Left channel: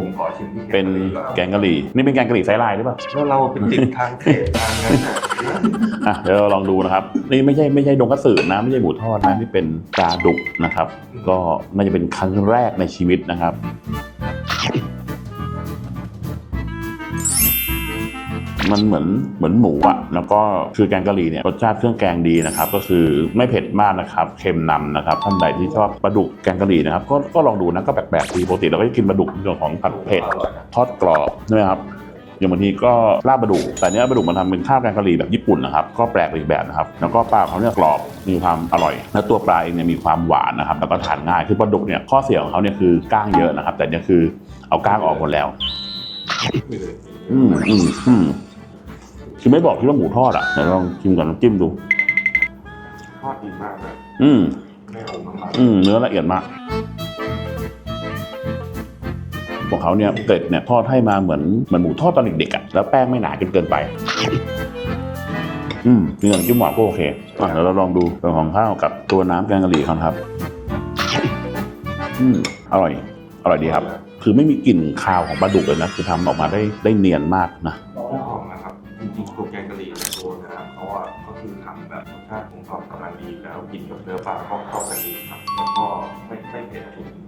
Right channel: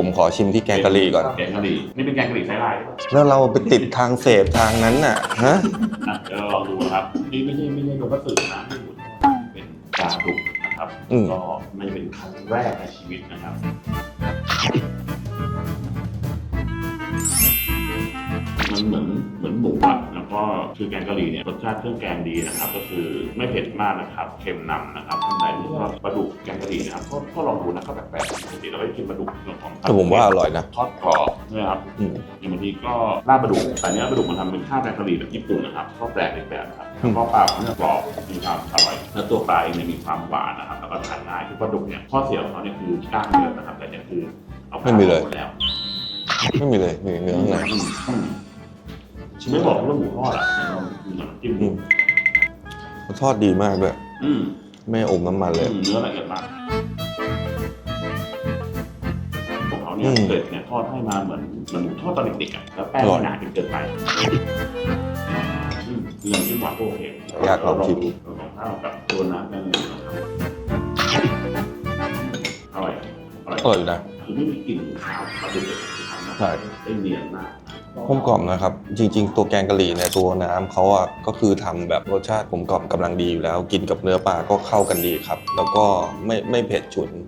ผมขอชิมที่แกงกะหรี่ก่อน แกงกะหรี่นี่เป็นแกงกะหรี่ไซส์ลายใช่ปะแล้วเราไปติดทางเสพทางนั้นน่ะฮะอะเดี๋ยวเราลองดูนะครับ นี่ไม่ใช่ไม่ใช่ดงกระสือนะไม่ใช่หมูทอดนะนี่เป็นปลาดุกนะครับอืมก็น่าจะเป็นครั้งแรกในชีวิตนะครับ มันเหมือนเหมือนหมูอะแล้วก็คือแกงกะหรี่เนี่ยรสชาติเครื่องแกงดีนะครับ ก็คือไม่เผ็ดมากนะครับเค็มนำนะครับท่านใดที่ชอบปลาดุกแกงกะหรี่นะครับก็ก็ลองดูนะก็แปลกๆดีปกติเราก็จะกินปลาดุกในส่วนของผัดแต่ผมเผ็ดว่าอร่อยนะทอดกรอบใช่ไหมครับอืมอย่างบางทีก็ลาบปลาดุกแต่เนี้ยปลาดุกมันทำเป็นข้าวแกงกะหรี่แบบญี่ปุ่นนะครับก็แปลกอีกแบบนะครับแล้วก็ปลาเขาเนี่ยกรอบมีความอร่อย และตัวปลาเองเนี่ยมีความหวานนะครับแล้วก็ทานง่ายคือปลาดุกเนี่ยข้อเสียของเขาเนี่ยคือก้างเยอะนะครับ แต่เนี่ยคือเอาก้างออกหมดแล้วไม่มีเลยนี่เนื้ออืมนะอืมอืม ชิมไม่บอกที่ว่าหมูทอดอะเดี๋ยวลองชิมกับน้ำจิ้มดู ทอดดีมากเลยอืมไม่อมน้ำมันเลอืย มเนื้อละเอียดมากของเขาเนี่ยอืมเกล็ดเนี่ยทอดให้มาเหมือนเหมือนหมูทอดตอนเด็กๆอะแล้วแป้งอร่ไม่อยหนาจนเกินไป อืมมีน้ำจิ้มหวานก็โอเคอะอยากเดี๋ยวเราลลอองงดูเรื่องของข้าวกับตัวน้ำแกงกะหรี่เขาครับ อืมอร่อย อร่อยดีครับ อร่อยนะ คือไม่มีกลิ่นคาวของปลาดุกเลยนะ คือทำออกมาได้ได้เนียนมากนะ กลมกล่อมนะครับ จริง ๆ ตัวแกงกะหรี่เนี่ยตัวน้ำเขาอะก็คือทำแบบรสชาติกลมกล่อมกำลังดีอยู่แล้ว กินกับเนื้อปลาก็เข้ากันดีครับ แล้วก็ไม่ไม่เผ็ดฉุน